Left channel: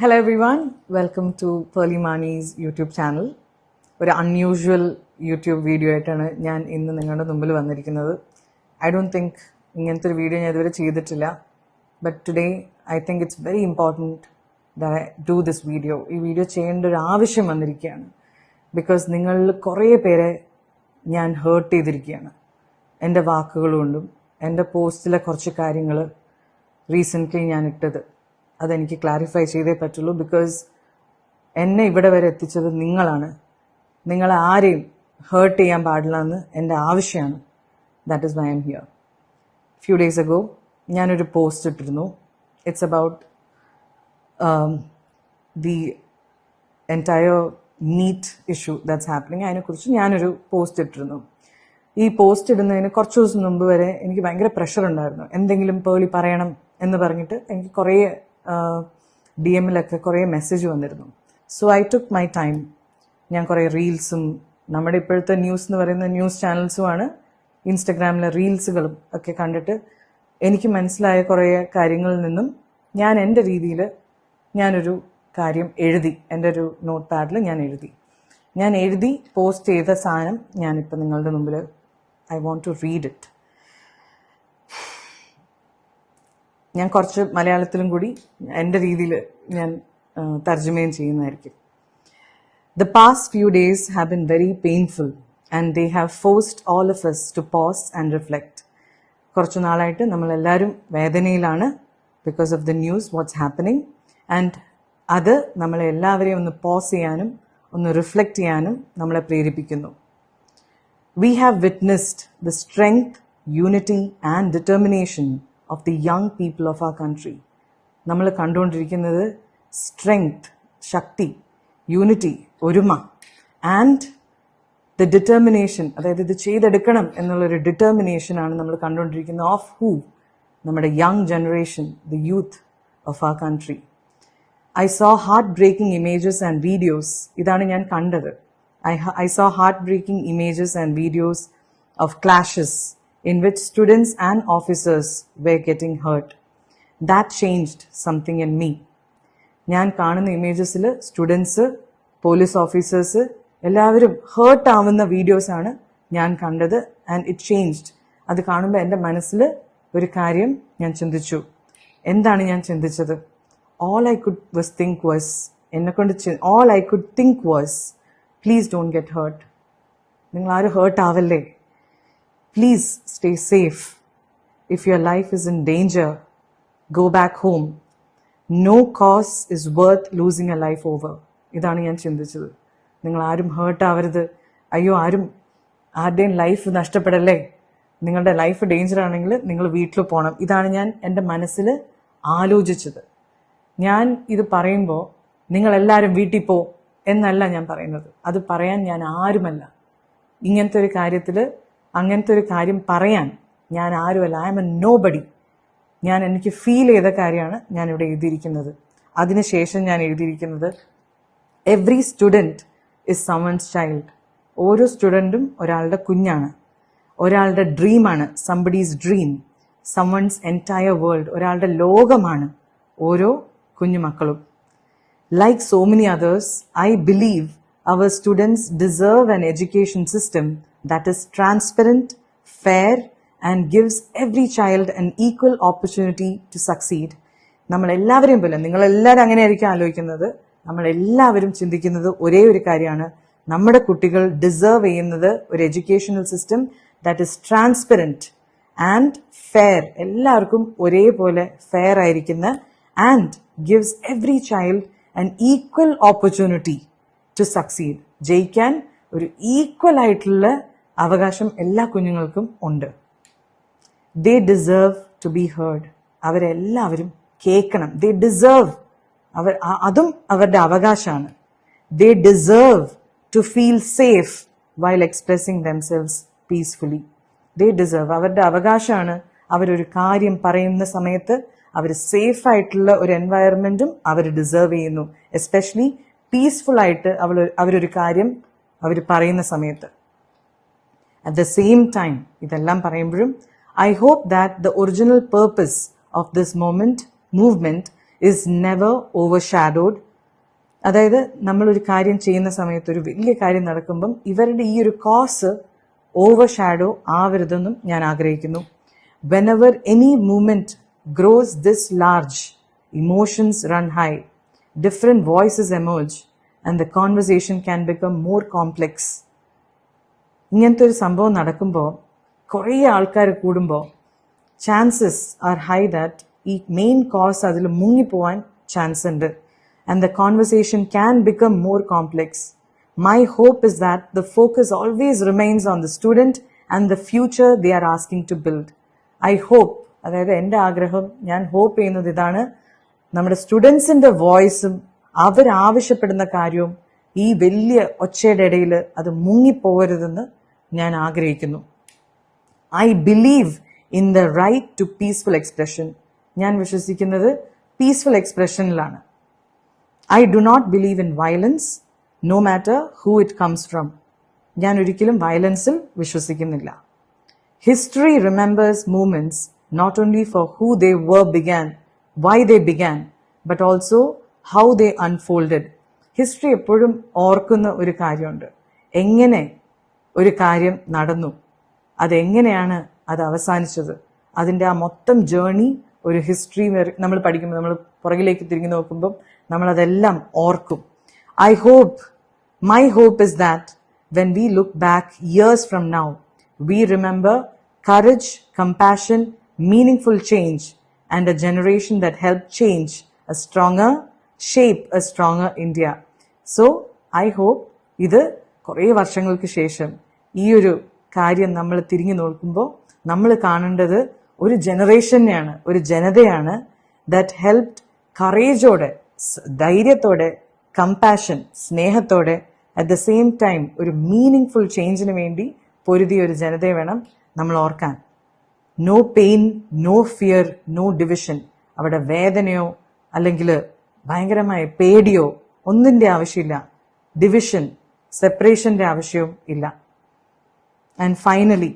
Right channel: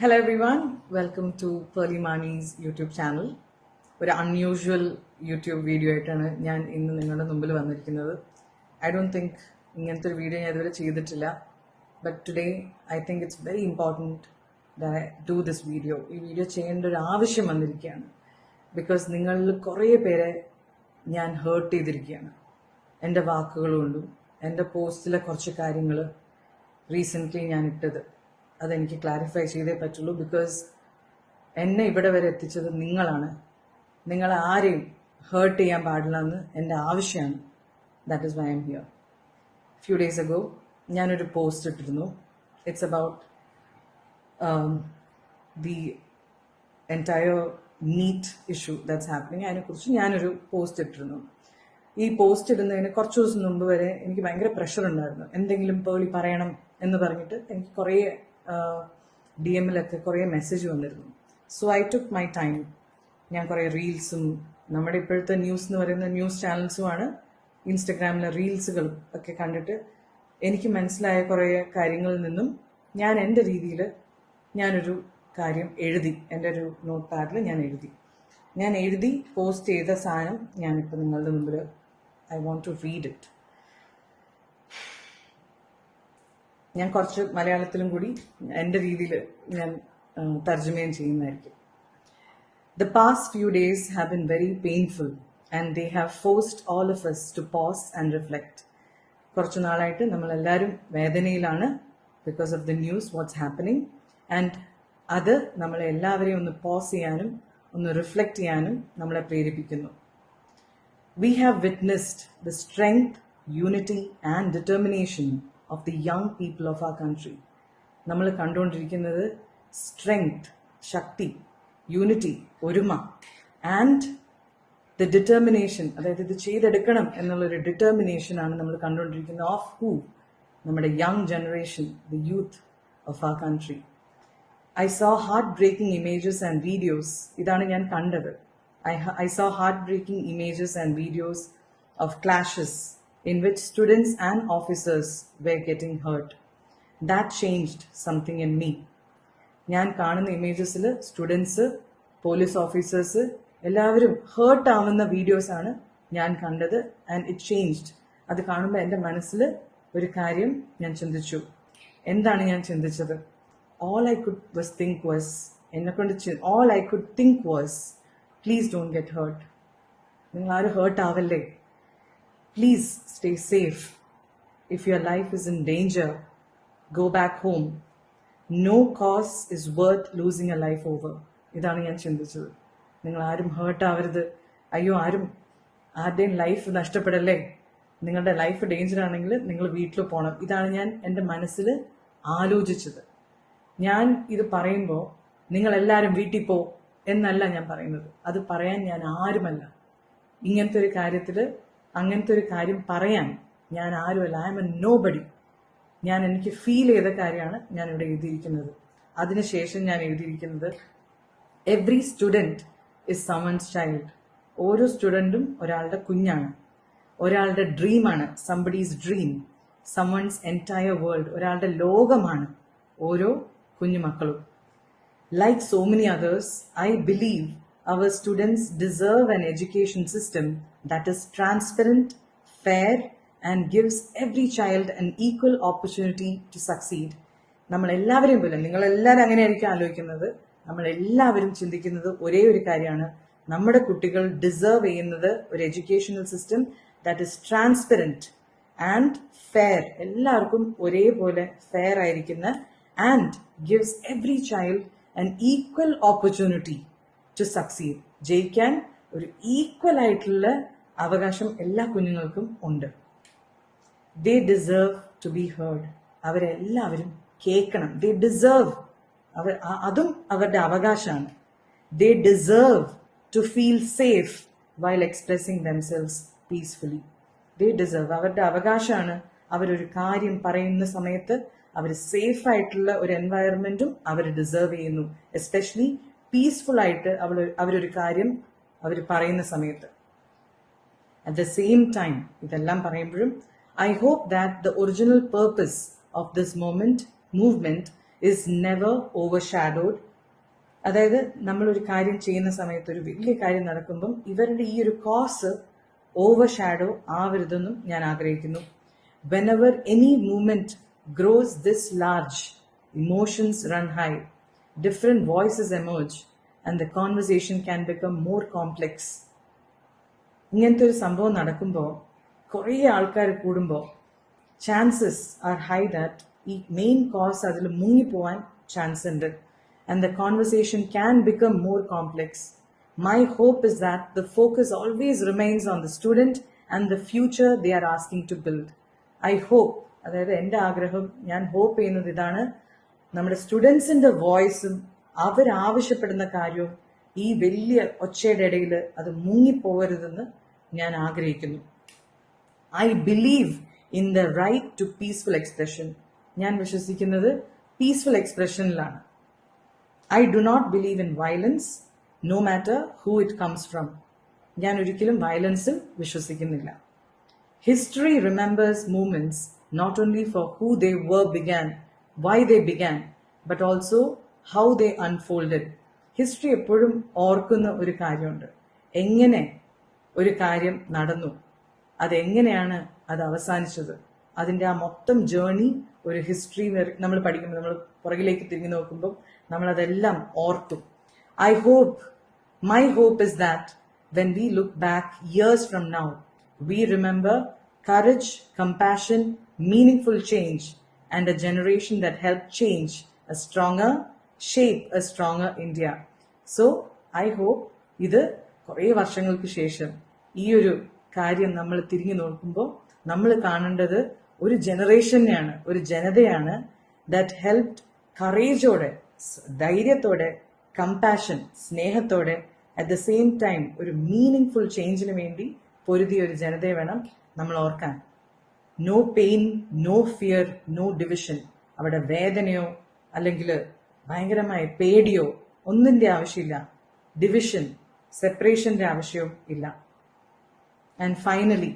Hello everyone, welcome to Pearly Mani's YouTube channel. ഒരു unusual YouTube video ആയിട്ടാണ് ഞാൻ ഇന്ന് നിങ്ങളുടെ മുമ്പിൽ വന്നിരിക്കുന്നത്. ഐ ഡോണ്ട് തിങ്ക് ഇങ്ങനത്തെ ഒരു വീഡിയോ ഞാൻ ഇതുവരെ ചെയ്തിട്ടില്ല. But today I think it's very important that I do this video. ഈ വീഡിയോ ചെയ്യേണ്ട ഒരു ആവശ്യം വന്നിരിക്കുകയാണ്. ബിക്കോസ് നിങ്ങളിൽ കുറേ പേരെ ഞാൻ ഹേർട്ട് ചെയ്തിരിക്കുകയാണ് എൻ്റെ വാക്കുകൾ കൊണ്ടും. എൻ്റെ പോസ്റ്റിലെ കുറച്ച് കാര്യങ്ങൾ റീസെൻ്റ്ലി ഞാൻ ഇട്ടത് അതെനിക്ക് ക്ലാരിഫൈ ചെയ്തേ പറ്റുള്ളൂ. ബിക്കോസ് എന്നെ ഇവിടെ വരെ എത്തിച്ചത് നിങ്ങളാണ്. നിങ്ങളെ ആരെയും ഹേർട്ട് ചെയ്യാൻ പാടില്ല എന്ന് എൻ്റെ ആവശ്യമാണ്. That is why I am here. Few days ago ഞാനൊരു പോസ്റ്റ് ഇട്ടിരുന്നു. It's about the entire NEET issue that's happening. അതിനെക്കുറിച്ച് ഞാനൊരു പോസ്റ്റ് ഇട്ടിരുന്നു. ഈ പോസ്റ്റ് ഇടുന്നതിന് കുറച്ച് ദിവസം മുമ്പ് വരെ എനിക്ക് ഭയങ്കര പ്രഷർ ഉണ്ടായിരുന്നു. എന്തെങ്കിലും പേളി പറയണം എന്ന് പറഞ്ഞിട്ട് എനിക്ക് കുറേ DM-ലൊക്കെ കുറേ മെസ്സേജ് വന്നിരുന്നു. So I took my time. ഞാൻ കുറേ റീൽസും, നമ്മുടെ ഇപ്പോഴത്തെ ന്യൂസ് എന്ന് പറയുന്ന ന്യൂസ് ചാനൽസുമാണ്, ഇൻസ്റ്റഗ്രാമിലെ റീൽസുകളും ഒക്കെ കണ്ടിട്ട് എനിക്ക് മനസ്സിലായ കുറേ കാര്യങ്ങളിൽ നിന്നും ഞാൻ എൻ്റെ രീതിയിൽ ഞാനൊരു കാര്യം എഴുതി. എൻ്റെ ഒരു നോട്ട് പാഡിൽ ഞാൻ എഴുതി പോസ്റ്റ് ചെയ്ത സാധനം ഞാനിപ്പോൾ നിങ്ങളുടെ മുമ്പിൽ I want to read it. ഞാൻ കുറച്ച് മലയാളത്തിലും കൂടി എൻ്റെ രീതിയിൽ ഞാൻ തർജ്ജമയും ചെയ്യുന്നതായിരിക്കും. The past few days have been very painful and they have forced all of us to pause and reflect. കുറച്ചു നാളായിട്ട് നമ്മളെല്ലാവരും വേദനയിലാണ് because of the news what's happening. And അത് നമ്മളെ എല്ലാവരെയും ഒന്ന് പോസ് ചെയ്യാനും ഒന്ന് റിഫ്ലക്റ്റ് ചെയ്യാനും നമ്മളെ പ്രേരിപ്പിക്കുന്നു. We have witnessed the strength, unity and determination of the young people of our country. നമ്മൾ കണ്ടുകൊണ്ടിരിക്കുന്നത് സ്ട്രെങ്ത്, ശക്തി, യൂണിറ്റി, ഒരുമ, ആൻഡ് ദ ഡിറ്റർമിനേഷൻ, അതായത് ഇത് ചെയ്തെടുക്കണം എന്നുള്ളൊരു ഡിറ്റർമിനേഷനാണ് നമ്മൾ കണ്ടുകൊണ്ടിരിക്കുന്നത്. Of who? നമ്മുടെ young generation, the youth of our country. I saw heart-breaking images and videos. ഇതാണ് ഞാൻ കണ്ടത്. I saw heart-breaking images and videos of clashes in which students and officers were getting hurt. That changed something in me. ഞാൻ കാണുന്ന ഇമേജസിൽ students, police officers എല്ലാവരും heart ആവുന്ന വീഡിയോസാണ് ഞാൻ കണ്ടത്. And it changed. അത് കാണുമ്പോൾ എൻ്റെ മനസ്സിൽ ഒരു കാര്യം ഞാൻ ചിന്തിച്ചു. എന്താണ് ഞാൻ ചിന്തിച്ചത്? all I could think was please don't get hurt. നിങ്ങൾ ആരും heart ആവല്ലേ. Please stay safe. If your life is in danger, go back home. No cause is worth losing a life over. ഇതാണ് ഞാൻ ചിന്തിച്ചത്. നിങ്ങൾ ആരും ഹേർട്ട് ആവരുത്. അയ്യോ, ആരുടെയും ലൈഫ് നഷ്ടപ്പെടല്ലേ. നിങ്ങളുടെ ലൈഫ് ഡേഞ്ചർ ആണെങ്കിൽ നിങ്ങൾ വീട്ടിൽ പോകണം. ഇതാണ് ഞാൻ എൻ്റെ മനസ്സിൽ ആലോചിച്ചത്. ഞാൻ ഇത് പറയുമ്പോൾ നിങ്ങളെല്ലാവരും വീട്ടിൽ പോ എന്നല്ല ഞാൻ പറയുന്നത്. അത് പറയാൻ ഞാൻ ആരുമല്ല. ഇങ്ങനത്തെ ഒരു കാര്യത്തിൽ അങ്ങനത്തെ ഒരു കാര്യം പറയാൻ ഞാൻ ആരുമല്ല. I am a nobody. എനിക്ക് ഫീൽ ചെയ്ത കാര്യമാണ് ഞാനിവിടെ എഴുതിയിരിക്കുന്നത്. അതിനുശേഷം ഞാൻ എഴുതിയിരിക്കുന്നത് every student is someone's child. ഓരോ സ്റ്റുഡൻറ്റും ഒരാളുടെ കുഞ്ഞാണ്, ഒരാളുടെ ഡ്രീമാണ്. Somebody's dream, someone's entire world, ഒരാളുടെ ലോകമാണ് ഓരോ കുഞ്ഞുമക്കളും. Like so many others, I believe our students deserve an education system that is transparent, fair, and gives every child an equal opportunity to succeed. നമ്മളെല്ലാവരെയും പോലെ, നിങ്ങളെല്ലാവരും അങ്ങനെയായിരിക്കും ആലോചിക്കുന്നത്. നമ്മളെല്ലാവരും ചിന്തിക്കുന്നത് ഒരേ ഒരു കാര്യമാണ്. നമ്മുടെ കുട്ടികൾ ഡിസേർവ് ചെയ്യുന്നത് ഒരു educational system that is transparent and fair. എല്ലാവർക്കും ഒരേപോലെ ഫെയർ ആയിരിക്കുന്ന, and gives every child an equal opportunity to succeed. ജയിക്കാൻ ഒരു ഈക്വൽ ആയിട്ടുള്ള അവകാശം എല്ലാ കുഞ്ഞുങ്ങൾക്കും ഉണ്ട്. They deserve to be heard. അവരെല്ലാവരും കേൾക്കണം. They deserve, അതും അവരുടെ അവകാശമാണ്. They deserve to feel safe while expressing themselves peacefully. They deserve, അവരുടെ അവകാശമാണ്. അവരൊരു കാര്യം പറയുന്ന സമയത്ത് അവർ സേഫ് ആയിട്ടുള്ള ഒരു എൻവയറമെന്റും അവർ ഡിസേർവ് ചെയ്യുന്നു. എസ്പെഷ്യലി പീസ്ഫുൾ ആയിട്ട് അവരൊരു കാര്യം അവർ പറയുന്ന സമയത്ത്. അറ്റ് ദ സെയിം ടൈം, ഇതെല്ലാം പറയുമ്പോഴും I hope that the original purpose of this movement is never overshadowed. അതായത് നമ്മളൊരു കാര്യം ചെയ്യുന്ന സമയത്ത് ഒരു വലിയ കാര്യം നടക്കുമ്പം ഇവരുടെ ഈ ഒരു കോസ് ഓവർഷാഡോ ആവരുതെന്നും ഞാൻ ആഗ്രഹിക്കുന്നു. Whenever any movement grows this large, emotions run high, different voices emerge, and the conversation can become more complex. ഇങ്ങനത്തെ ഒരു സംഭവം നടക്കുമ്പോൾ കുറേ ആൾക്കാർ കൂടുമ്പോൾ ചാൻസസ് ആർ ഹൈ ദാറ്റ് ഈ മെയിൻ കോസ് അതിൽ മുങ്ങിപ്പോവാൻ ചാൻസ് ഉണ്ട്. And the conversation can become more complex. My hope is that the focus always remains on the student and the future they are asking to build. I hope, അതായത് എൻ്റെ ആഗ്രഹം, ഞാൻ hope ചെയ്യുന്നത് ഇതാണ്, നമ്മുടെ സ്റ്റുഡൻസിൻ്റെ വോയിസും അവരാവശ്യപ്പെടുന്ന കാര്യവും ഈ വലിയ ഒച്ചയുടെ ഇടയിൽ അത് മുങ്ങിപ്പോകരുതെന്ന് ഞാൻ ആഗ്രഹിക്കുന്നു. I believe in the right to peaceful expression. ഞാൻ വിശ്വസിക്കുന്നത് peaceful എക്സ്പ്രഷനിലാണ്. I do not believe in violence, no matter who it comes from. ഞാൻ ഒരിക്കലും വയലൻസിൽ വിശ്വസിക്കുന്നില്ല. History remembers moments not only for who they began, why they began, but also how they unfolded. History എപ്പോഴും ഓർക്കുന്ന ഒരു കാര്യമുണ്ട്, എങ്ങനെ ഒരു കാര്യം നടന്നു, അതെങ്ങനെയാണ് അത് അവസാനിച്ചത്, അതിൻ്റെ ആ മൊത്തം ജേർണി ഒരു ഹിസ്റ്ററി നമ്മൾ പഠിക്കുമ്പോൾ, നമ്മൾ പുറകിലേക്ക് തിരിഞ്ഞു നോക്കുമ്പം നമ്മളതെല്ലാം ഓർക്കും. My hope is that when we look back years from now, we remember courage, compassion, meaningful change, and a generation that helped shape a stronger India. So, I hope ഇത് കുറേ വർഷങ്ങൾക്ക് ശേഷം ഈ ഒരു കാര്യം നമ്മൾ തിരിഞ്ഞു നോക്കുമ്പോൾ നമ്മൾ കാണേണ്ടത് ഒരു ജനറേഷനെയാണ്, ഒരു ജനതയാണ് that helped കറേജോടെ, ധൈര്യത്തോടെ, കമ്പാഷൻ, സ്നേഹത്തോടെ, അറ്റ് ദ സെയിം ടൈം ഒരു മീനിങ് ചേഞ്ചിന് വേണ്ടി പൊരുതിയ ഒരു ജനതയെ വേണം നമ്മൾ ഓർക്കാൻ. No pain, no fear, no division. അവിടെ വേദനയോ അല്ലെങ്കിൽ ഭയങ്കരമായ പേടിയോ ഒന്നിൻ്റെ ആവശ്യമില്ല. ഡിവിഷൻ, സെപ്പറേഷൻ്റെ ആവശ്യവും ഇല്ല. And finally,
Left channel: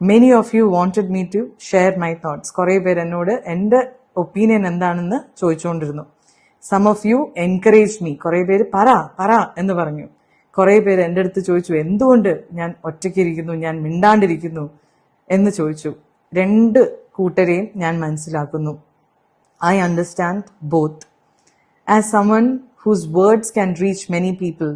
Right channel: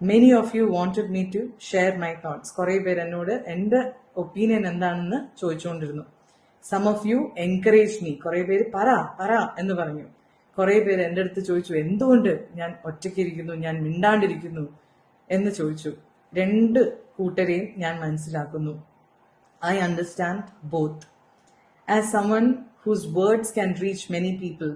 many of you wanted me to share my thoughts. കുറേ പേര് എന്നോട് എൻ്റെ ഒപ്പീനിയൻ എന്താണെന്ന് ചോദിച്ചുകൊണ്ടിരുന്നു. Some of you encourage me. കുറേ പേര് പറ എന്ന് പറഞ്ഞു. കുറേ പേര് എൻ്റെ അടുത്ത് ചോദിച്ചു എന്തുകൊണ്ട് ഞാൻ ഒറ്റയ്ക്കിരിക്കുന്നു, ഞാൻ മിണ്ടാണ്ടിരിക്കുന്നു എന്ന് ചോദിച്ചു. രണ്ട് കൂട്ടരെയും ഞാൻ മനസ്സിലാക്കുന്നു. I understand both. As someone whose words can reach many people,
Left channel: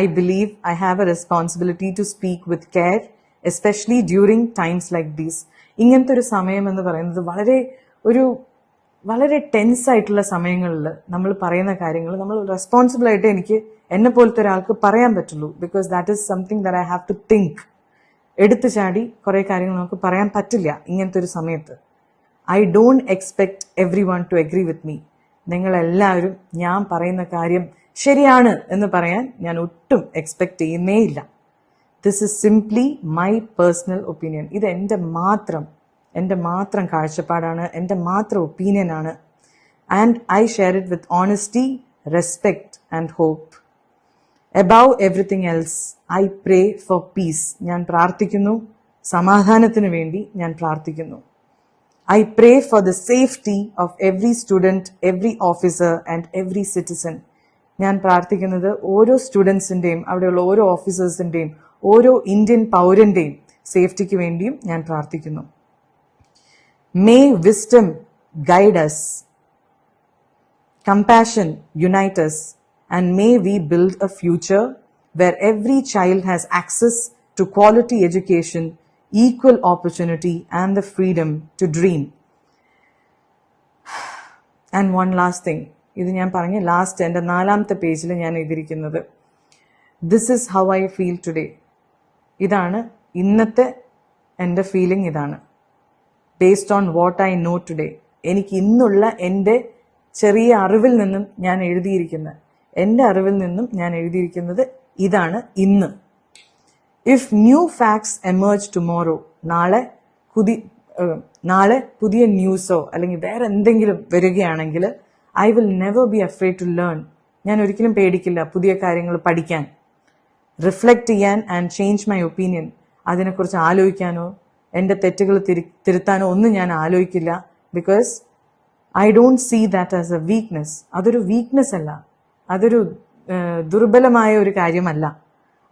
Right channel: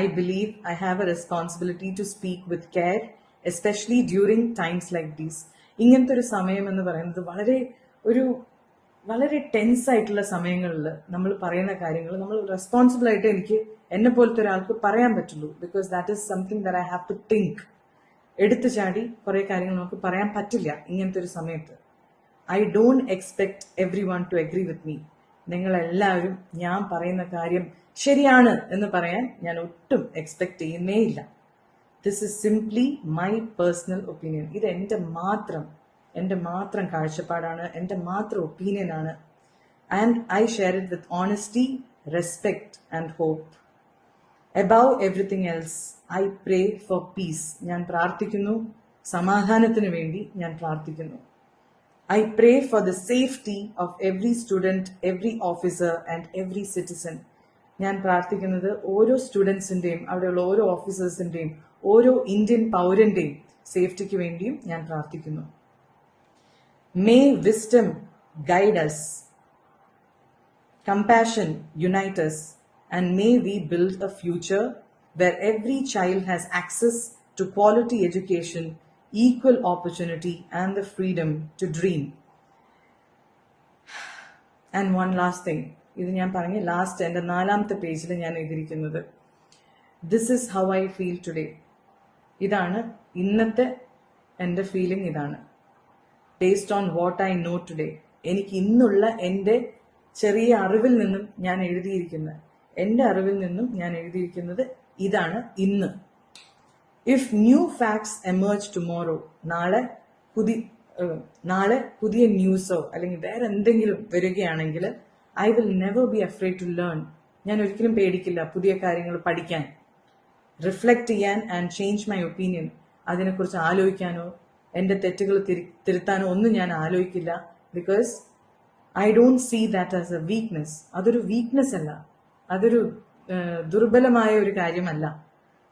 I believe I have a responsibility to speak with care, especially during times like these. ഇങ്ങനത്തെ ഒരു സമയം എന്ന് പറയുന്നത് വളരെ ടെൻസ് ആയിട്ടുള്ള സമയങ്ങളിൽ നമ്മൾ പറയുന്ന കാര്യങ്ങൾ നമ്മൾ റെസ്പോൺസിബിൾ ആയിട്ട് എനിക്ക് എന്നെ പോലത്തെ ഒരാൾക്ക് പറയാൻ പറ്റുള്ളൂ. Because that is something that I have to think. എടുത്തു ചാടി കുറേ കാര്യങ്ങൾ നമുക്ക് പറയാൻ പറ്റില്ല ഇങ്ങനത്തെ ഒരു സമയത്ത്. I don't expect every one two agree with me. നിങ്ങളെല്ലാവരും ഞാൻ പറയുന്ന കാര്യം ശരിയാണ് എന്ന് പറയാൻ ഞാൻ ഒട്ടും എക്സ്പെക്ട് ചെയ്യുന്നേ ഇല്ല. This is simply my personal opinion. ഇത് എൻ്റെ മാത്രം കാഴ്ചപ്പാടാണ്, എൻ്റെ മാത്രം ഒപ്പീനിയനാണ്. And I share it with honesty, respect and hope. Above everything else I pray for peace. ഞാൻ പ്രാർത്ഥിക്കുന്നു, സമാധാനത്തിന് വേണ്ടി ഞാൻ പ്രാർത്ഥിക്കുന്നു. I pray for the safety of every student, every officer and every citizen. ഞാൻ പ്രാർത്ഥിക്കുന്നത് ഓരോ സ്റ്റുഡൻസിൻ്റെയും അവിടെയുള്ള ഓരോ ഓഫീസേഴ്സിൻ്റെയും ഓരോ ഇന്ത്യൻ പൗരൻ്റെയും സേഫ്റ്റിക്ക് വേണ്ടിയും ഞാൻ പ്രാർത്ഥിക്കുന്നു. May wisdom guide us, compassion unite us, and may we build a future where every child has access to quality education, equal opportunity, and the freedom to dream. And one last thing, ഇത് ഞാൻ പറഞ്ഞ last എൻ്റെ 4ാമത്തെ പേജിൽ ഞാൻ എഴുതിയിരിക്കുന്നത്, this is how I feel today. ഇതാണ് ഇന്നത്തെ എൻ്റെ ഫീലിംഗ്. ഇതാണ് based on what I know today. എനിക്ക് ഇന്നുള്ള എൻ്റെ ചെറിയ അറിവിൽ നിന്നും ഞാൻ എഴുതിയിരിക്കുന്നത് ഇതാണ് ഇന്ന്. If new facts emerge tomorrow, നാളെ പുതിയ ന്യൂസോ അല്ലെങ്കിൽ വേറെ എന്തെങ്കിലും വരികയാണെങ്കിൽ, I will never be afraid to learn. ഞാൻ ഒരിക്കലും പേടിക്കില്ല പുതിയ കാര്യങ്ങൾ പഠിക്കാൻ, റിഫ്ലക്റ്റ് ചെയ്യാൻ ആൻഡ് ചേഞ്ച് മൈ ഒപ്പീനിയൻ. അതിനെക്കുറിച്ച് ആലോചിക്കാനോ എൻ്റെ തെറ്റുകൾ തിരുത്താനോ ഒന്നും ഞാൻ ആലോചിക്കില്ല. Because I don't see that as a weakness. അതൊരു വീക്ക്നെസ് അല്ല, അതൊരു ദുർബലമായ ഒരു കാര്യമല്ല.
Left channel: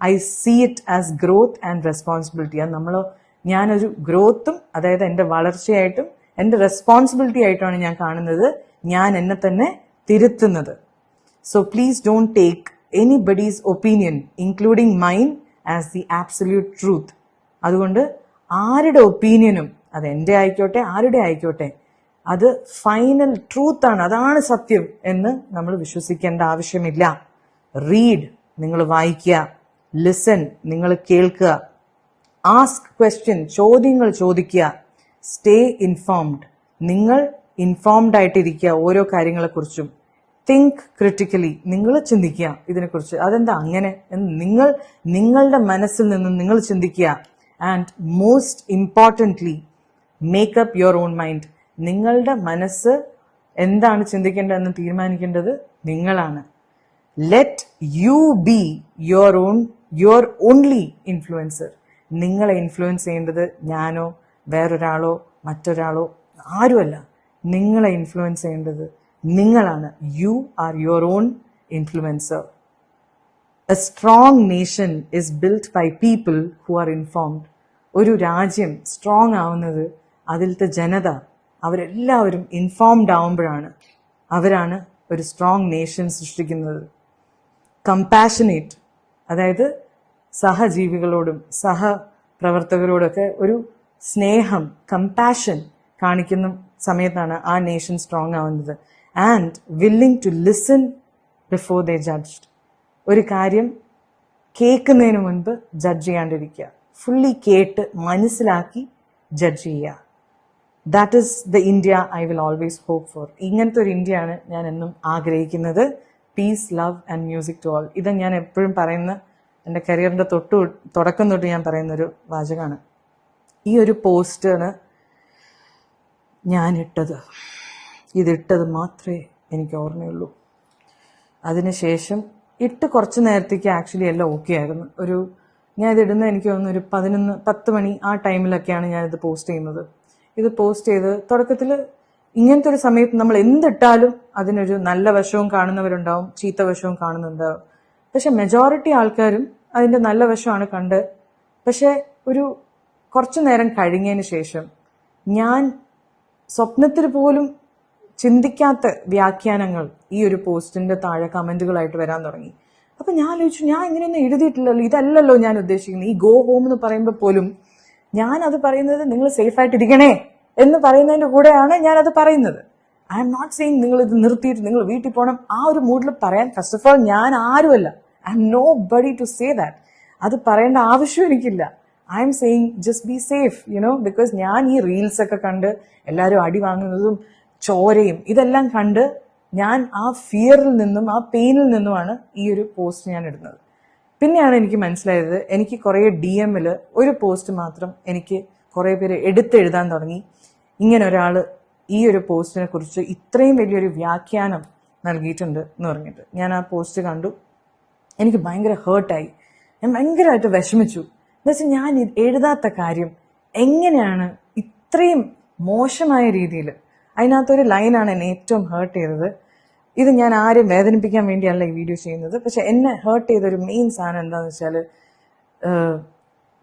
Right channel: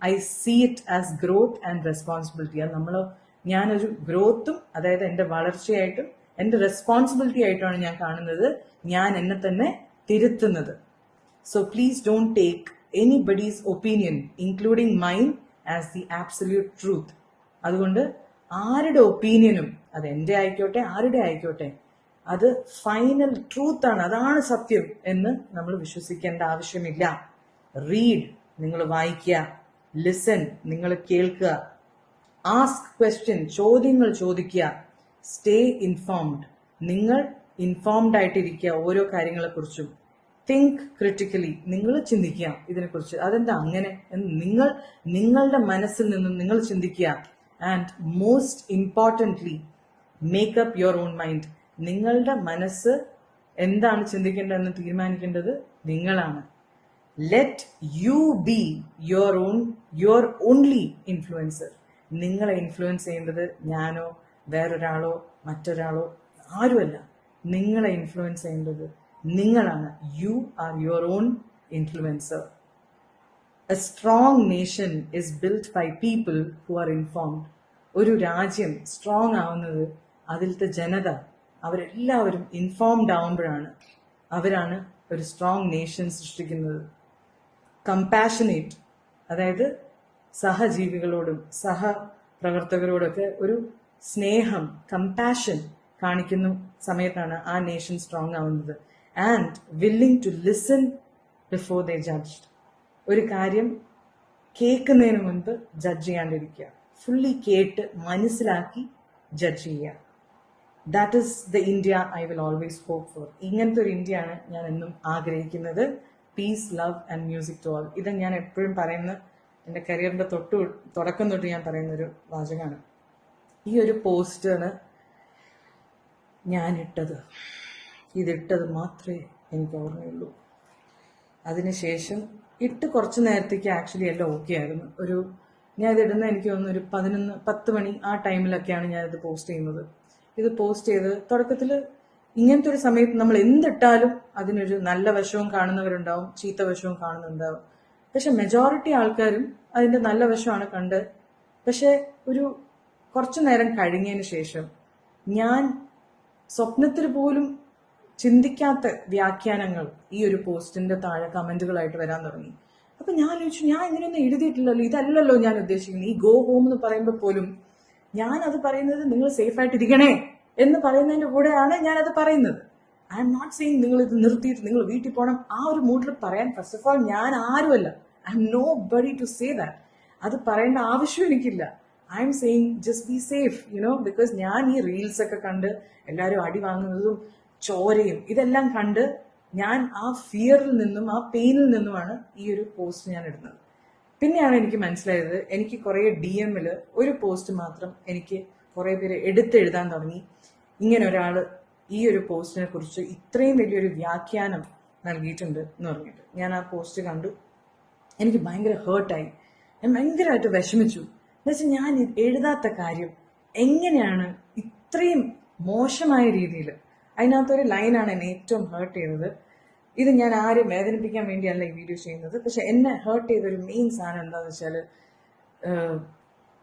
I see it as growth and responsibility. അത് ഞാനൊരു ഗ്രോത്തും, അതായത് എൻ്റെ വളർച്ചയായിട്ടും എൻ്റെ റെസ്പോൺസിബിലിറ്റി ആയിട്ടാണ് ഞാൻ കാണുന്നത്, ഞാൻ എന്നെ തന്നെ തിരുത്തുന്നത്. So please don't take anybody's opinion including mine as the absolute truth. അതുകൊണ്ട് ആരുടെ ഒപ്പീനിയനും, അത് എൻ്റെ ആയിക്കോട്ടെ ആരുടെ ആയിക്കോട്ടെ, അത് ഫൈനൽ ട്രൂത്ത് ആണ്, അതാണ് സത്യം എന്ന് നമ്മൾ വിശ്വസിക്കേണ്ട ആവശ്യമില്ല. റീഡ്, നിങ്ങൾ വായിക്കുക. ലിസൺ, നിങ്ങൾ കേൾക്കുക. ആസ്ക് ക്വസ്റ്റ്യൻ, ചോദ്യങ്ങൾ ചോദിക്കുക. സ്റ്റേ ഇൻഫോംഡ്, നിങ്ങൾ ഇൻഫോംഡ് ആയിട്ടിരിക്കുക ഓരോ കാര്യങ്ങളെക്കുറിച്ചും. തിങ്ക് ക്രിട്ടിക്കലി, നിങ്ങൾ ചിന്തിക്കുക ഇതിനെക്കുറിച്ച്, അതെന്താ അങ്ങനെ എന്ന് നിങ്ങളുടെ മനസ്സിൽ നിന്നും നിങ്ങൾ ചിന്തിക്കുക. And most importantly, make up your own mind. നിങ്ങളുടെ മനസ്സ് എന്താണ് ചിന്തിക്കേണ്ടതെന്ന് തീരുമാനിക്കേണ്ടത് നിങ്ങളാണ്. Let you be your only influencer. നിങ്ങളെ ഇൻഫ്ലുവൻസ് ചെയ്യേണ്ടത് ഞാനോ വേറൊരാളോ മറ്റൊരാളോ ആരുമല്ല. നിങ്ങളെ ഇൻഫ്ലുവൻസ് ചെയ്യേണ്ടത് നിങ്ങളാണ്. You are your own influencer. A strong nation is built by people who are informed. ഒരു രാജ്യം സ്ട്രോങ് ആവുന്നത് അതിലത്തെ ജനത അവരെല്ലാവരും ഇൻഫോംഡ് ആവുമ്പോഴാണ്. അവരാണ് ഒരു സ്ട്രോങ് നേഷൻ സൃഷ്ടിക്കുന്നത്. കമ്പാഷനേറ്റ്, അതായത് സഹജീവികളോടും സഹപ്രവർത്തകരോടൊക്കെ ഒരു സ്നേഹം, കമ്പാഷൻ കാണിക്കുന്ന സമയത്താണ് ആ നേഷൻ സ്ട്രോങ് ആവുന്നത്. And willing to listen before they judged. ഒരു കാര്യം കേൾക്കുന്നതിന് മുൻപ് ജഡ്ജ് ചെയ്യാണ്ടിരിക്കുക. ഫുള്ളി കേട്ട് മനസ്സിലാക്കി ജഡ്ജ് ചെയ്യുക. That is the India I will always hope for. ഇങ്ങനത്തെ ഒരു ഇന്ത്യയാണ് ഞാൻ എന്നും ആഗ്രഹിക്കുന്നത്. Peace, love and music to all. ഇത് ഞാൻ എപ്പോഴും പറയുന്ന, എൻ്റെ കരിയറിൻ്റെ തുടക്കം തൊട്ട് ഞാൻ പറയുന്നൊരു വാചകമാണ്. ഈ ഒരു പോസ്റ്ററിന് ഞാനിട്ടത്, ഇതിട്ടത് മാത്രമേ എനിക്ക് ഓർമ്മയുള്ളൂ. അതിനുശേഷം ഇട്ട് കുറച്ച് നേരത്തേക്ക് ആക്ച്വലി എല്ലാം ഓക്കെ ആയിരുന്നു. ഞാനിതിടുന്നത് എനിക്ക് തോന്നുന്നു ഒരു 10 മണി ആ ടൈമിലൊക്കെയാണ് ഞാനിത് പോസ്റ്റ് ചെയ്യുന്നത്. ഇത് പോസ്റ്റ് ചെയ്ത് തുടക്കത്തിൽ ഇങ്ങനത്തെ ഒരു സമയത്ത് നമ്മൾ എന്തിട്ടാലും അതിനൊരു നല്ല വശവും കാണുന്നവരുണ്ടാവും, ചീത്ത വശവും കാണുന്നുണ്ടാവും. പക്ഷെ മെജോറിറ്റി ആൾക്കാരും അതിൻ്റെ നല്ല വശമാണ് കണ്ട്. പക്ഷെ ഒരു കുറച്ചു നേരം കഴിഞ്ഞതിന് ശേഷം ഞാൻ സ്വപ്നത്തിൽ പോലും ചിന്തിക്കാത്ത വ്യാഖ്യാനങ്ങൾ ഈ ഒരു പോസ്റ്റിന്റെ താഴെ കമന്റുകളായിട്ട് വരാൻ തുടങ്ങി. അപ്പൊ ഞാൻ ആലോചിച്ചു, ഞാൻ ഇങ്ങനെയൊന്നും എഴുതിയിട്ടില്ലല്ലോ, ഇതല്ലല്ലോ ഞാൻ ഉദ്ദേശിക്കുന്നത്. ഈ ഗോ ഹോം എന്ന് പറയുമ്പോൾ പോലും ഞാൻ അത് പറയുന്നത് നിങ്ങൾ സേഫ് ആയിട്ടിരിക്കണേ എന്ന് പറയുന്നതിന്റെ കൂടെയാണ് ഞാൻ അത് പറയുന്നത്. ഐ എം നോട്ട് സെയിങ് നിങ്ങൾ ഇത് നിർത്തിയിട്ട് നിങ്ങൾ വീട്ടിൽ പോകണം ആ ഒരു മൂഡിൽ പറയാൻ. ഫസ്റ്റ് ഓഫ് ഓൾ ഞാൻ ആരുമല്ല, I am nobody to say that. അത് പറയേണ്ട ആവശ്യം എനിക്കില്ല. I am saying just be safe, because ഞാൻ ഈ റീൽസ് ഒക്കെ കണ്ട് എല്ലാവരും അടി വാങ്ങുന്നതും ചോരയും ഇതെല്ലാം കണ്ട് ഞാൻ ആ ഫിയറിൽ നിന്നും ആ പെയിനിൽ നിന്നുമാണ് ഈ ഒരു പോസ്റ്റ് ഞാൻ ഇടുന്നത്. പിന്നെയാണ് എനിക്ക് മനസ്സിലായത്, എനിക്ക് കുറേ DM-ൽ ഒരു പോസ്റ്റ് മാത്രം എനിക്ക് കുറേ പേര് എടുത്തെഴുതാൻ തുടങ്ങി. ഇങ്ങനെ ഒരാൾ ഈ ഒരു പോസ്റ്റിനെ കുറിച്ച് ഇത്രയും വലിയൊരു വ്യാഖ്യാനം നൽകിയിട്ടുണ്ട് എന്ന് പറഞ്ഞിട്ട്. ഞാൻ ആ പോസ്റ്റ് കണ്ടു, എനിക്ക് ഭയങ്കര ഹേർട്ടായി. ഞാൻ ഭയങ്കരമായിട്ട് വിഷമിച്ചു. എന്നുവെച്ചാൽ ഞാൻ എഴുതാത്ത കാര്യം എങ്ങനെയാണ് ഇത്രയും മോശമായ രീതിയിൽ. അതിനകത്തൊരു ലൈനാണ് എന്നെ ഏറ്റവും ഹേർട്ട് ചെയ്തത്. ഇത് ഞാൻ ആരും വേദനിപ്പിക്കാൻ വേണ്ടിയല്ല ഈ വീഡിയോ ചെയ്യുന്നത്, പക്ഷെ എന്നെ ഹേർട്ട് ചെയ്തൊരു മെയിൻ സാധനം എന്താണെന്ന് വെച്ചാൽ,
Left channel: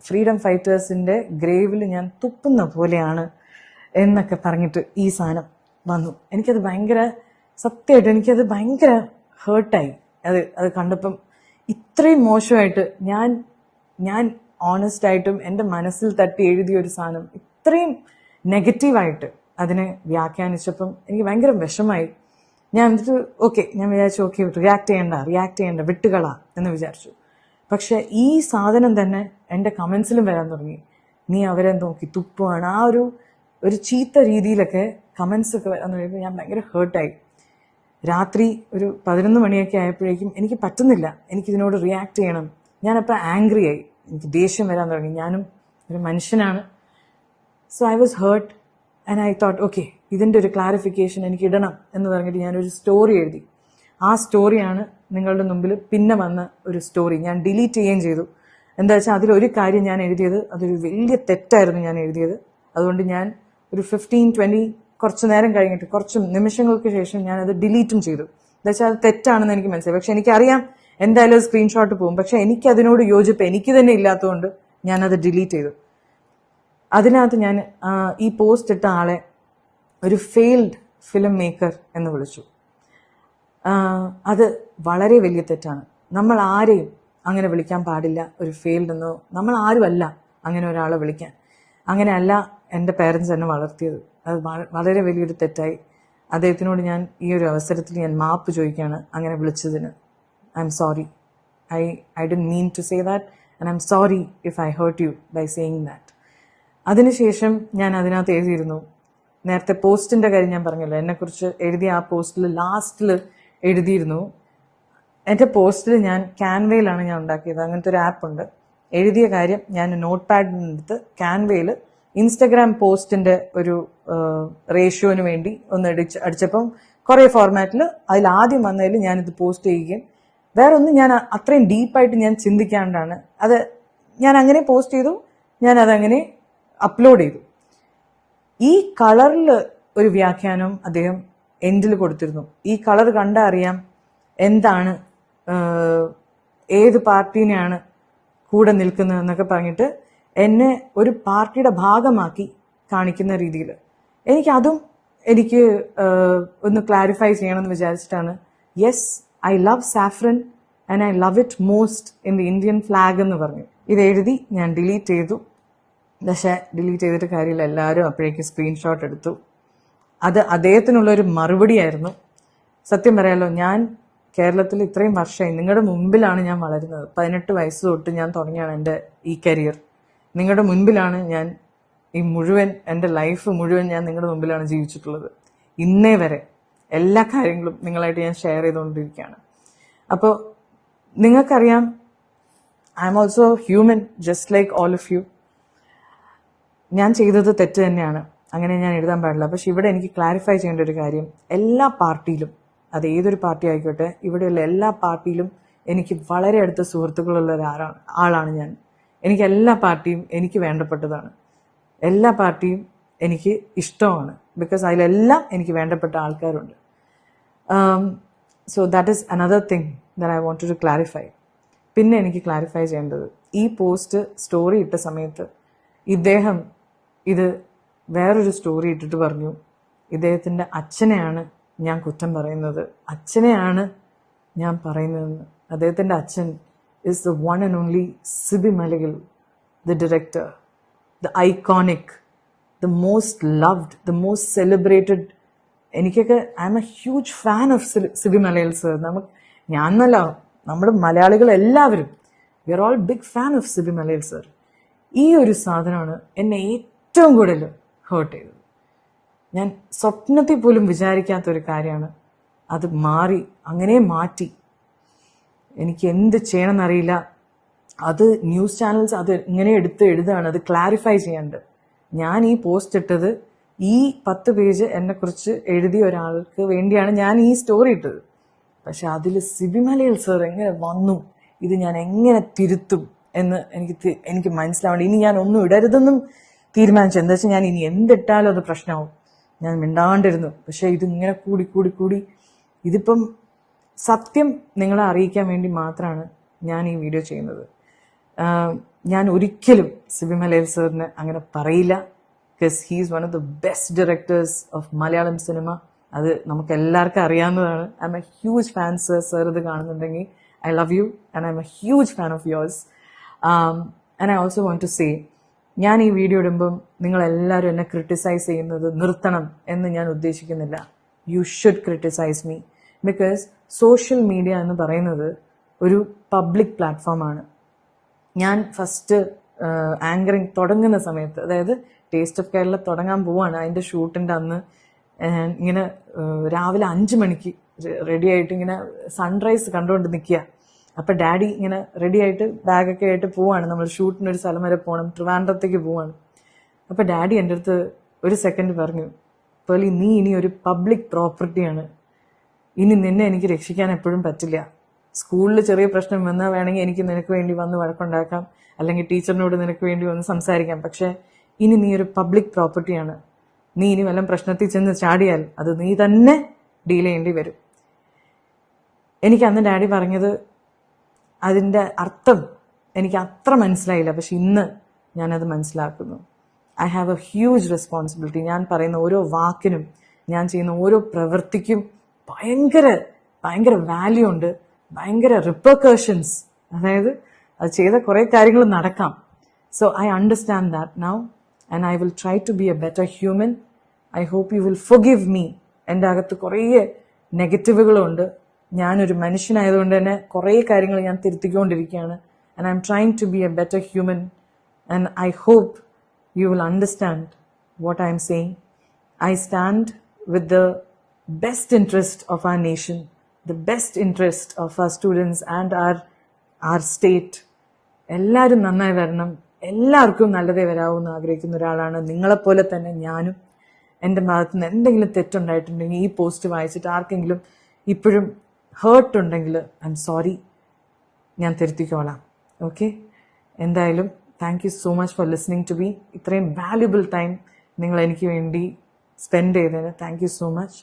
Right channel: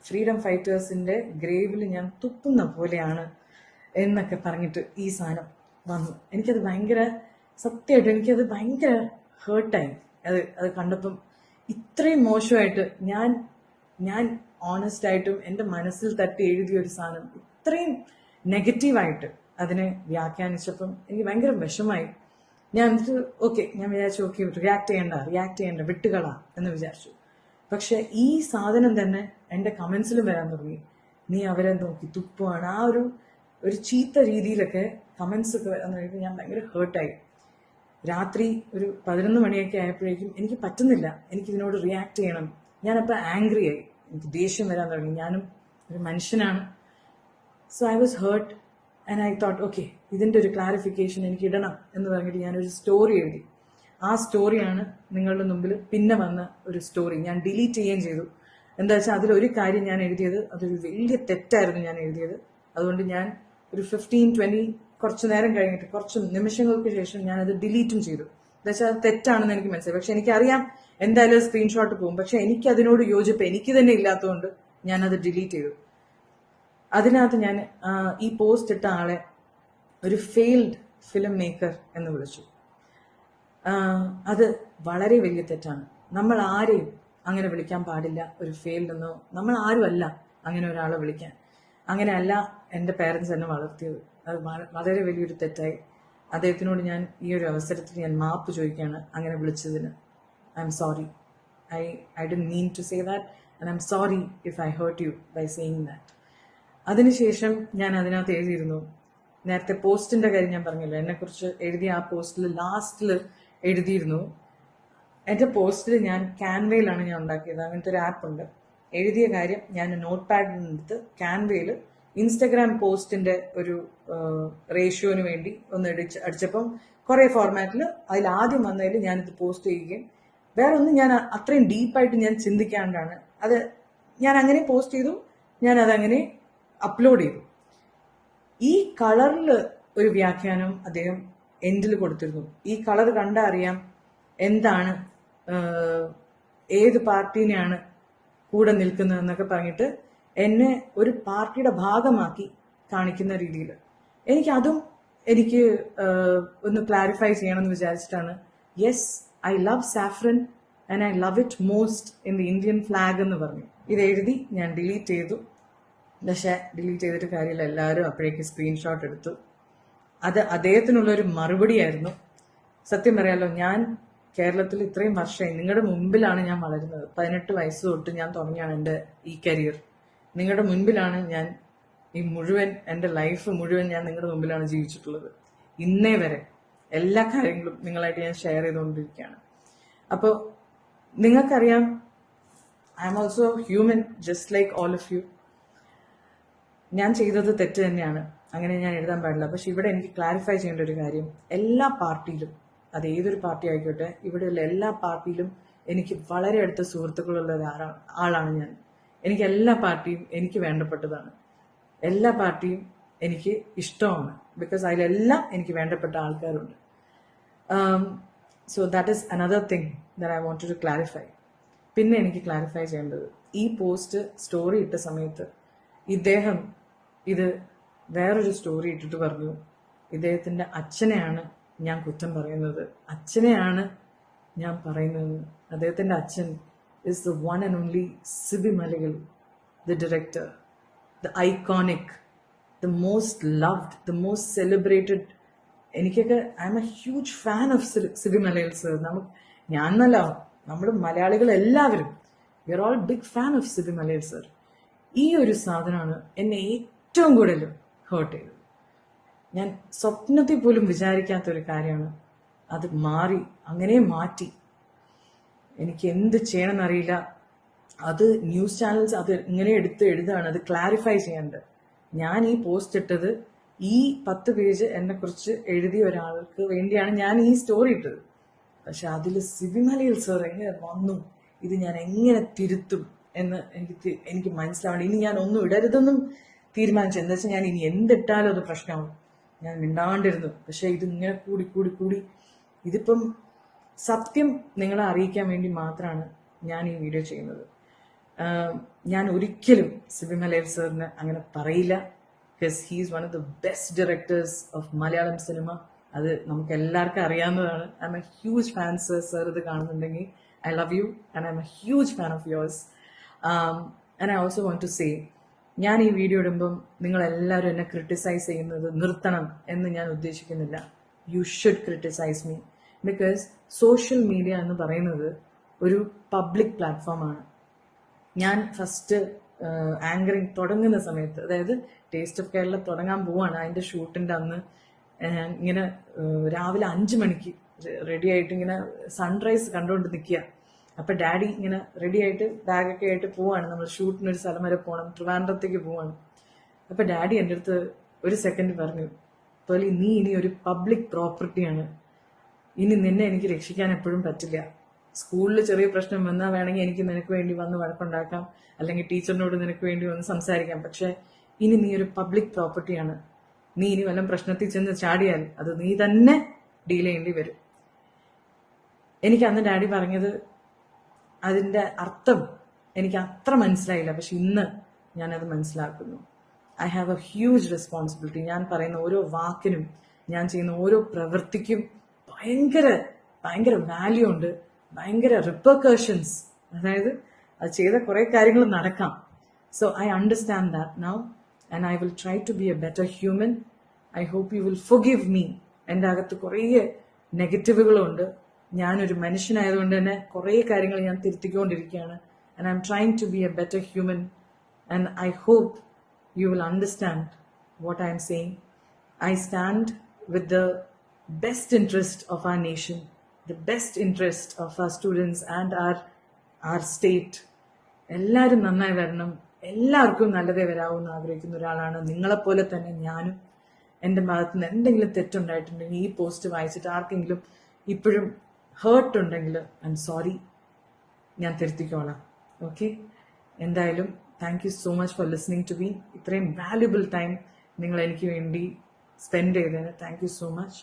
ഫ്രീഡം ഫൈറ്റേഴ്സിന്റെ ഗ്രേവിൽ ഞാൻ തുപ്പുന്ന പോലെയാണ് എന്നൊക്കെ പറഞ്ഞിട്ട് ഈ സാധനം വന്നു. എനിക്കത് ഭയങ്കര, സത്യമായിട്ട് എനിക്കത് ഭയങ്കര ഹേർട്ടായി. അത് കണ്ടപ്പം ഇത്രയും മോശമായിട്ട് ഞാൻ ഓണസ്റ്റ് ആയിട്ടും എൻ്റെ മനസ്സിൽ തട്ടി എഴുതിയ ഒരു സാധനം ഇത്രയും നെഗറ്റീവായിട്ട് അതിനെ വ്യാഖ്യാനിച്ചപ്പം എനിക്ക് ഭയങ്കര വിഷമായി. ഞാൻ എന്നിട്ട് ഞാൻ വിചാരിച്ചു റിയാക്ട് ചെയ്യണ്ട വിട്ടുകളാ എന്ന് വിചാരിച്ചു. പക്ഷെ ഈ സാധനം തന്നെ എൻ്റെ കമൻസിലും വരാൻ തുടങ്ങി. നീ അവരെ നോക്കി തുപ്പുവാണ്, ആ ഒരു ചീത്ത രീതിയിലൊക്കെ കമൻസ് ഒക്കെ വരാൻ തുടങ്ങി. ഞാൻ ഭയങ്കര ഹേർട്ടായി. രാത്രി ഒരു 11 മണിയൊക്കെ ആയപ്പോഴേക്കും എനിക്ക് പറ്റുന്നില്ല, എനിക്കിതിനോട് റിയാക്ട് ചെയ്യണം. ഞാനപ്പോൾ ആംഗ്രി ആയി, എനിക്ക് ദേഷ്യം വരാൻ തുടങ്ങി. ഞാനും ഒരു മനുഷ്യനാണ്. So I was hurt and I thought ഇതിൻ്റെ ഒരു ക്ലാരിഫിക്കേഷൻ എനിക്ക് ഇടണം എന്ന് പറഞ്ഞിട്ട് ഞാനൊരു സ്റ്റോറി എഴുതി. ആ സ്റ്റോറിയാണ് നിങ്ങളുടെ മുമ്പിൽ പിന്നെ വന്ന ഒരു സ്റ്റോറി. ഞാൻ ഡിലീറ്റ് ചെയ്യുകയും ചെയ്തു. എന്താ വെച്ചാൽ അതിലൊരു കാര്യം ഞാൻ എഴുതിയത് അതൊരു വലിയ തെറ്റായിരുന്നു ഞാൻ എഴുതിയത്. അതുകൊണ്ട് ഞാൻ ഒരു 15-20 കുറച്ച് നേരം കഴിഞ്ഞിട്ട് കുറച്ച് നിമിഷങ്ങൾക്ക് ശേഷം ഞാനത് ഡിലീറ്റും ചെയ്തു. എന്നുവെച്ചാൽ അത് തെറ്റാണെന്ന് എനിക്ക് മനസ്സിലായി. പക്ഷെ എനിക്കറിയാം എന്തായാലും സ്ക്രീൻഷോട്ട് പോകും. പക്ഷെ എനിക്ക് അതിനോട് യോജിപ്പ് എനിക്ക് തന്നെ ഇല്ലാത്തതുകൊണ്ട് ഞാനത് ഡിലീറ്റ് ചെയ്തു. അതിനകത്ത് ഞാൻ ഈ പോസ്റ്റ് ഇട്ട ആളെ ഒരു ഫെയിൽഡ് ഫിലിം മേക്കർ എന്ന് വിളിച്ചു. അത് വളരെ വലിയ തെറ്റാണ്. നമ്മൾ ആരെയും അങ്ങനെ വിളിക്കാൻ പാടില്ല ഒരു ഫെയിൽഡ് എന്നോ. നമ്മൾ ആരുമല്ല അങ്ങനെ ഒരാളെ വിളിക്കാൻ. അങ്ങനെയല്ല എൻ്റെ പേരൻസ് എന്നെ വളർത്തിയത്. അത് വളരെ വലിയൊരു തെറ്റായി. അദ്ദേഹത്തിനോട് ഞാൻ ഈ ഒരു അവസരത്തിൽ ഞാൻ മാപ്പ് ചോദിക്കുകയാണ് അങ്ങനെ വിളിച്ചതിന്. I am sorry. I didn't mean to say that and I am sorry if I hurt you by saying that. അതിനുശേഷം ഞാൻ അതിനകത്ത് എഴുതിയിരുന്നു, നേരത്തെ പോസ്റ്റിൻ്റെ കാര്യം ഞാൻ പറഞ്ഞല്ലോ, എന്നെക്കുറിച്ച് എഴുതിയ ആ പോസ്റ്റിൽ ലാസ്റ്റിൽ എഴുതിയിരുന്നു. എൻ്റെ പോസ്റ്റിൽ ഞാൻ ക്യാൻവയിലാണ് ഞാൻ ഉണ്ടാക്കിയത്. അങ്ങനത്തെ ഒരു ആപ്പ് ഉണ്ട്. എഴുതിയ കാര്യം ഞാൻ നോട്ട് പാഡിനെടുത്ത് ക്യാൻവയിൽ ഇൻസ്റ്റഗ്രാം പോസ്റ്റിൻ്റെ ഒരു റേഷ്യോന് വേണ്ടി ഒന്ന് അടിച്ചപ്പം കുറേ ഫോർമാറ്റിൽ അതിൽ ആദ്യം വന്നതിൽ ഞാനിത് പോസ്റ്റ് ചെയ്യുകയും വേറെ ഒന്നും ഞാൻ അത്രയും ഡീപ്പായിട്ട് ഞാൻ ചിന്തിക്കാണ്ടാണ് അത് ഞാൻ അങ്ങനെ പോസ്റ്റ് ചെയ്തു. ഞാൻ അതങ്ങനെ അപ്ലോഡ് ചെയ്തു. ഈ കളറിൽ ഒരു വ്യാഖ്യാനം അദ്ദേഹം എൻഡിൽ കൊടുത്തിരുന്നു. ഈ കളർ കണ്ടാൽ അറിയാം എന്താണ്, ഏത് പാർട്ടീനെയാണ് കൂടെ നിൽക്കുന്നത് എന്നൊക്കെ പറഞ്ഞിട്ട് എന്നെ ഒരു പാർട്ടിയുടെ ഭാഗമാക്കി കാണിക്കുന്ന രീതിയിൽ എനിക്ക് ഒന്ന് ക്ലാരിഫൈ ചെയ്യണമെന്ന് വിചാരിച്ചിട്ടാണ്. Yes, I love saffron and I love it most in the Indian flag എന്ന് പറഞ്ഞു. ഇത് എഴുതി ഞാൻ ഡിലീറ്റ് ചെയ്തു. പക്ഷേ ഡിലീറ്റ് ചെയ്തിട്ട് കാര്യമില്ല, എല്ലാവരും അപ്പോഴേക്ക് സ്ക്രീൻഷോട്ട് എടുത്തു. അത് അദ്ദേഹത്തിനുള്ളൊരു മറുപടിയായിരുന്നു. സത്യം പറയാലോ, ഞാൻ കേരളത്തിൽ ഇത്രയും വർഷമായി നിങ്ങളുടെ മുമ്പിലാണ് ഞാൻ വളരുന്നത്. 18 വയസ്സ് തൊട്ട് ഞാൻ തുടങ്ങിയാണ് എൻ്റെ ഈ കരിയർ. നിങ്ങളുടെ മുൻപിലാണ് ഞാൻ ഈ മുഴുവൻ എൻ്റെ ലൈഫ് മുഴുവൻ ഞാൻ നിങ്ങളുടെ മുമ്പിലാണ് ജീവിച്ചിട്ടുള്ളത്. ഇന്നേ വരെ എല്ലാ കാര്യങ്ങളും നിങ്ങളായിട്ട് ഞാൻ ഷെയർ ചെയ്തുകൊണ്ടിരിക്കുകയാണ്. അപ്പോൾ നിങ്ങൾക്കറിയാം, I am also human just like all of you. ഞാൻ ചെയ്തത് തെറ്റ് തന്നെയാണ്, അങ്ങനെ ഞാൻ എഴുതാൻ പാടില്ല. പക്ഷെ ഇവിടെ എനിക്ക് ക്ലാരിഫൈ ചെയ്യേണ്ട ഒരു കാര്യം, എല്ലാ പാർട്ടിയിലും, അത് ഏതൊരു പാർട്ടി ആയിക്കോട്ടെ, ഇവിടെയുള്ള എല്ലാ പാർട്ടിയിലും എനിക്ക് വളരെ അടുത്ത സുഹൃത്തുക്കളുള്ള ആളാണ് ഞാൻ. എനിക്ക് എല്ലാ പാർട്ടിയും എനിക്ക് വേണ്ടപ്പെട്ടതാണ്. എല്ലാ പാർട്ടിയും എനിക്ക് ഇഷ്ടമാണ്. ബിക്കോസ് അതിലെല്ലാം എനിക്ക് വേണ്ടപ്പെട്ട ആൾക്കാരുണ്ട്. So that is another thing that I want to clarify. പിന്നെ എനിക്ക് ക്ലാരിഫൈ ചെയ്യേണ്ടത്, ഈ പോസ്റ്റ് സ്റ്റോറി ഇട്ട സമയത്ത് ഇദ്ദേഹം ഇത് വേറൊരു സ്റ്റോറി ഇട്ടിട്ട് പറഞ്ഞു, ഇദ്ദേഹത്തിൻ്റെ അച്ഛനെയാണ് ഞാൻ കുറ്റം പറയുന്നത്, അച്ഛനെയാണ് ഞാൻ പറയുന്നതെന്ന്. അദ്ദേഹത്തിൻ്റെ അച്ഛൻ is the one and only Sibi Maligal, the director, the iconic, the most loved, the most celebrated. എനിക്കൊക്കെ I am a huge fan of Sibi Malayil sir. ഞാനല്ല, നമ്മുടെ മലയാളികൾ എല്ലാവരും we are all big fan of Sibi Malayil sir. ഈ ഒരു സാധനമാണ് എന്നെ ഏറ്റവും കൂടുതൽ ഹേർട്ട് ചെയ്തത്. ഞാൻ സ്വപ്നത്തിൽ പോലും വിചാരിക്കാത്തൊരു കാര്യമാണ്. അത് അങ്ങനെ മാറ്റി. എനിക്ക് എന്ത് ചെയ്യണമെന്നറിയില്ല. അത് ന്യൂസ് ചാനൽസ് അത് ഇങ്ങനെ എടുത്ത് എഴുതാണ്, അത് ക്ലാരിഫൈ ചെയ്യാണ്ട്. ഞാൻ ഈ പോസ്റ്റ് ഇട്ടത് ഈ 10 പേജ് എന്നെക്കുറിച്ച് എഴുതിയ ഒരാൾക്ക് വേണ്ടിയാണ് ഞാൻ ഈ സ്റ്റോറി ഇട്ടത്. പക്ഷെ അതിൽ സിബി മലയാൽ സർ എങ്ങനെ വന്നു, ഇത് ഞാൻ എങ്ങനെ തിരുത്തും എന്ന് എനിക്ക് മനസ്സിലാവേണ്ട. ഇനി ഞാൻ ഒന്നും ഇടരുതെന്നും തീരുമാനിച്ചു. എന്താ വെച്ചാൽ ഞാൻ ഇനി എന്തിട്ടാലും അത് പ്രശ്നമാവും. ഞാൻ മിണ്ടാണ്ടിരുന്നു. പക്ഷെ ഇതിങ്ങനെ കൂടി ഇതിപ്പം സത്യം നിങ്ങളെ അറിയിക്കാൻ വേണ്ടി മാത്രമാണ് ഞാൻ ഈ വീഡിയോ ചെയ്യുന്നത്. ഞാൻ ഒരിക്കലും സിബി മലയാൽ സാറിന് അങ്ങനെ പറയില്ല. Because he is one of the best directors of Malayalam cinema. അത് നമുക്ക് എല്ലാവർക്കും അറിയാവുന്നതാണ്. I am a huge fan sir. Sir ഇത് കാണുന്നുണ്ടെങ്കിൽ I love you and I am a huge fan of yours. And I also want to say, ഞാൻ ഈ video ഇടുമ്പം നിങ്ങളെല്ലാവരും എന്നെ ക്രിട്ടിസൈസ് ചെയ്യുന്നത് നിർത്തണം എന്ന് ഞാൻ ഉദ്ദേശിക്കുന്നില്ല. You should criticize me. Because social media എന്ന് പറയുന്നത് ഒരു പബ്ലിക് പ്ലാറ്റ്ഫോമാണ്. ഞാൻ ഫസ്റ്റ് ആങ്കറിങ് തുടങ്ങുന്ന സമയത്ത്, അതായത് ടേസ്റ്റ് ഓഫ് കേരള തുടങ്ങാൻ പോവാണ്, അതിൻ്റെ ഷൂട്ടിൻ്റെ അന്ന് ഇങ്ങനെ രാവിലെ 5 മണിക്ക് റെഡി ആയിട്ട് ഇങ്ങനെ സൺറൈസ് കണ്ടുകൊണ്ട് നിൽക്കുക. അപ്പം ഡാഡി ഇങ്ങനെ റെഡി ആയിട്ട് ബാഗൊക്കെ ആയിട്ട് പോവാണ്. നമ്മൾ ഷൂട്ടിനൊരു സ്ഥലം വരെ പോകണം, ട്രിവാൻഡ്രത്തേക്ക് പോവാണ്. അപ്പം ഡാഡി എൻ്റെ അടുത്ത് ഒരു സെക്കൻഡ് പറഞ്ഞു, പേർലി നീ ഇനി ഒരു പബ്ലിക് പ്രോപ്പർട്ടിയാണ്, ഇനി നിന്നെ എനിക്ക് രക്ഷിക്കാൻ എപ്പോഴും പറ്റില്ല. സ്കൂളിൽ ചെറിയ പ്രശ്നം വന്നാൽ വേണമെങ്കിൽ എനിക്ക് നിനക്ക് വേണ്ടി വന്ന് വഴക്കുണ്ടാക്കാം, അല്ലെങ്കിൽ ടീച്ചറിനോട് നിനക്ക് വേണ്ടി വന്ന് സംസാരിക്കാം. പക്ഷെ ഇനി നീ ഒരു പബ്ലിക് പ്രോപ്പർട്ടിയാണ്. നീ ഇനി വല്ല പ്രശ്നത്തിൽ ചെന്ന് ചാടിയാൽ അത് നീ തന്നെ ഡീൽ ചെയ്യേണ്ടി വരും. എനിക്ക് അന്ന് ഡാഡി പറഞ്ഞത് അതിൻ്റെ അർത്ഥം എനിക്ക് അത്ര മനസ്സിലായില്ല, പക്ഷെ ഇന്ന് ഞാനത് മനസ്സിലാക്കുന്നു. I have A huge responsibility. ഞാൻ പറയുന്ന ഓരോ വാക്കിനും, ഞാൻ ചെയ്യുന്ന ഓരോ പ്രവൃത്തിക്കും ഭയങ്കര ഭയങ്കര വാല്യൂ ഉണ്ട്, ഭയങ്കര റിപ്പർക്കഷൻസ്. അതായത് അത് ചെയ്ത കുറേ കാര്യങ്ങൾ നടക്കാം. So I understand that now and I will try to be a better human. I hope you will forgive me. എൻ്റെ അകത്ത് കുറേ നെഗറ്റീവുകളുണ്ട്. ഞാനൊരു മനുഷ്യനായതുകൊണ്ട് തന്നെ കുറേ കാര്യങ്ങൾ ഞാൻ തിരുത്തിക്കൊണ്ടിരിക്കുകയാണ്. And I am trying to be a better human and I hope you will understand what I am saying. I stand with the best interest of our nation, the best interest of our students and our state. എല്ലാവരും നന്നായി വരണം, എല്ലാവർക്കും നല്ലതേ വരാവൂന്ന് ആഗ്രഹിക്കുന്ന ഒരാളാണ്. നിങ്ങളെപ്പോലെ തന്നെ ഞാനും. എൻ്റെ ഭാഗത്ത് നിന്ന് എന്തെങ്കിലും തെറ്റുണ്ടായിട്ടുണ്ടെങ്കിൽ ഈ പോസ്റ്റ് വായിച്ചിട്ട് ആർക്കെങ്കിലും ഇപ്പോഴും ഹേർട്ട് ഉണ്ടെങ്കിൽ ഐ എം സോറി, ഞാൻ തിരുത്തിക്കോളാം. ഓക്കെ, എന്തായാലും thank you so much for listening to me. ഇത്രയും വാല്യുബിൾ ടൈം നിങ്ങൾ എനിക്ക് വേണ്ടി സ്പെൻഡ് ചെയ്തതിന് thank you so much.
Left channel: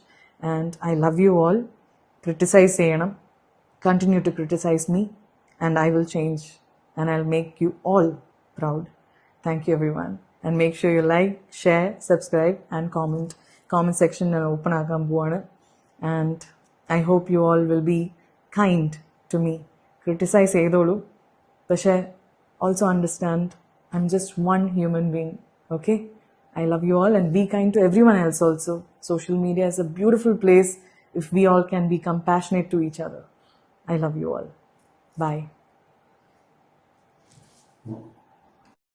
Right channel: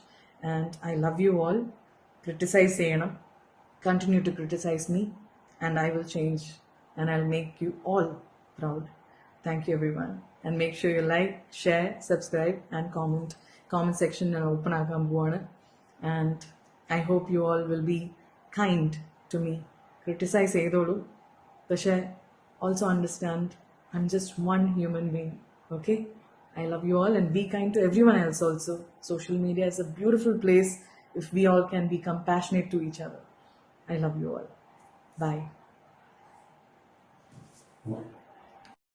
And I love you all. Criticise ചെയ്യണം, continue to criticise me and I will change and I will make you all proud. Thank you everyone. And make sure you like, share, subscribe and comment section ഞാൻ open ആക്കാൻ പോവാണ്. And I hope U all will be kind to me. Criticize ചെയ്തോളൂ, പക്ഷേ also understand I'm just one human being. Okay, I love you all and be kind to everyone else also. Social media is a beautiful place if we all can be compassionate to each other. I love you all. Bye.